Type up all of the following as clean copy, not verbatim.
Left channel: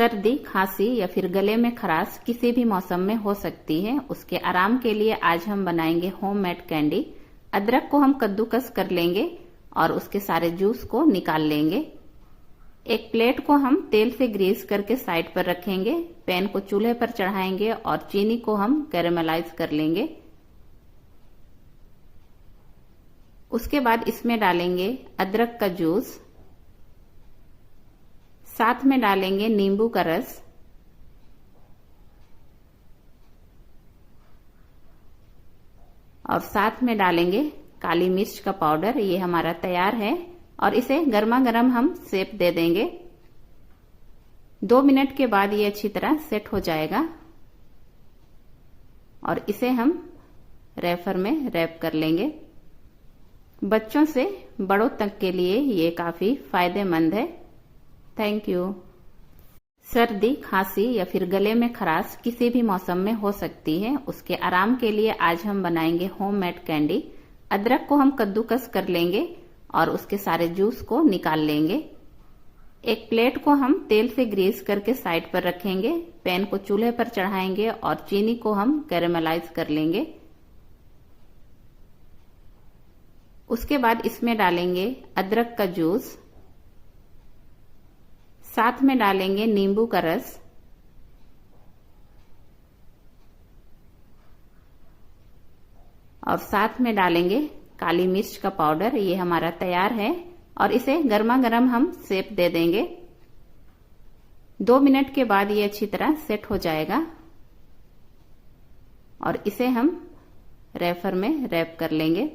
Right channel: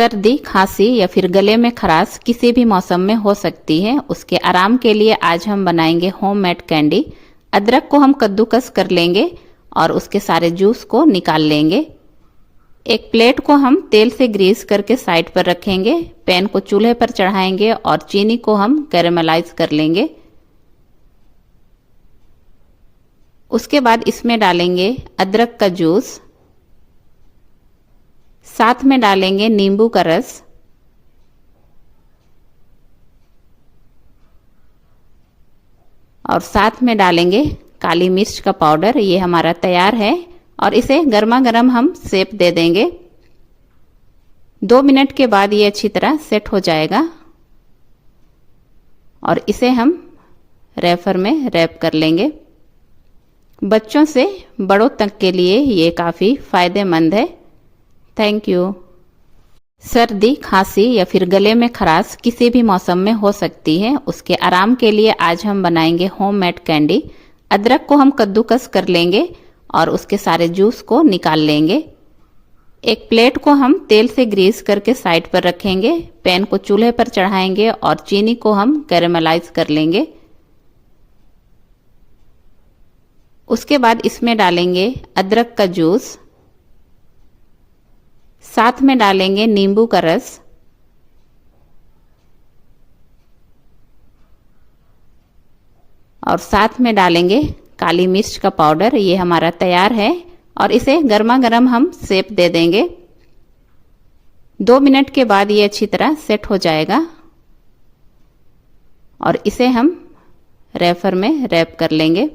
सर्दी, खांसी या फिर गले में खराश किसी भी मौसम में हो सकती है। उसके आराम के लिए आज हम बनाएंगे होममेड कैंडी। अदरक को हम कद्दूकस कर लेंगे और उसके सारे जूस को निकाल लेंगे। एक प्लेट को हम तेल से ग्रीस करके साइड पर रखेंगे। पैन को चूल्हे पर चढ़ाएंगे और चीनी को हम कैरेमलाइज कर लेंगे। उसके बाद इसमें डालेंगे अदरक का जूस, साथ में डालेंगे नींबू का रस और साथ में डालेंगे काली मिर्च का पाउडर। ये हमारा तैयार है और इसे गर्मा गर्म हम सेप दे देंगे। 2 मिनट के बाद ये अच्छी तरह सेट हो जाएगा और इसे हम रैपर में रैप कर लेंगे। बच्चों से बड़ों तक के लिए ये काफ़ी फायदेमंद है। Thank you. सर्दी, खांसी या फिर गले में खराश किसी भी मौसम में हो सकती है। उसके आराम के लिए आज हम बनाएंगे होममेड कैंडी। अदरक को हम कद्दूकस कर लेंगे और उसके सारे जूस को निकाल लेंगे। एक प्लेट को हम तेल से ग्रीस करके साइड पर रखेंगे। पैन को चूल्हे पर चढ़ाएंगे और चीनी को हम कैरेमलाइज कर लेंगे। उसके बाद इसमें डालेंगे अदरक का जूस, साथ में डालेंगे नींबू का रस और साथ में डालेंगे काली मिर्च का पाउडर। ये हमारा तैयार है और इसे गर्मा गर्म हम सेप दे देंगे। 2 मिनट के बाद ये अच्छी तरह सेट हो जाएगा और इसे हम रैपर में रैप कर लेंगे।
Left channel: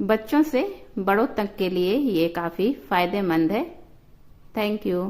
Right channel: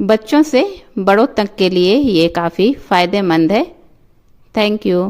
बच्चों से बड़ों तक के लिए ये काफ़ी फायदेमंद है। Thank you.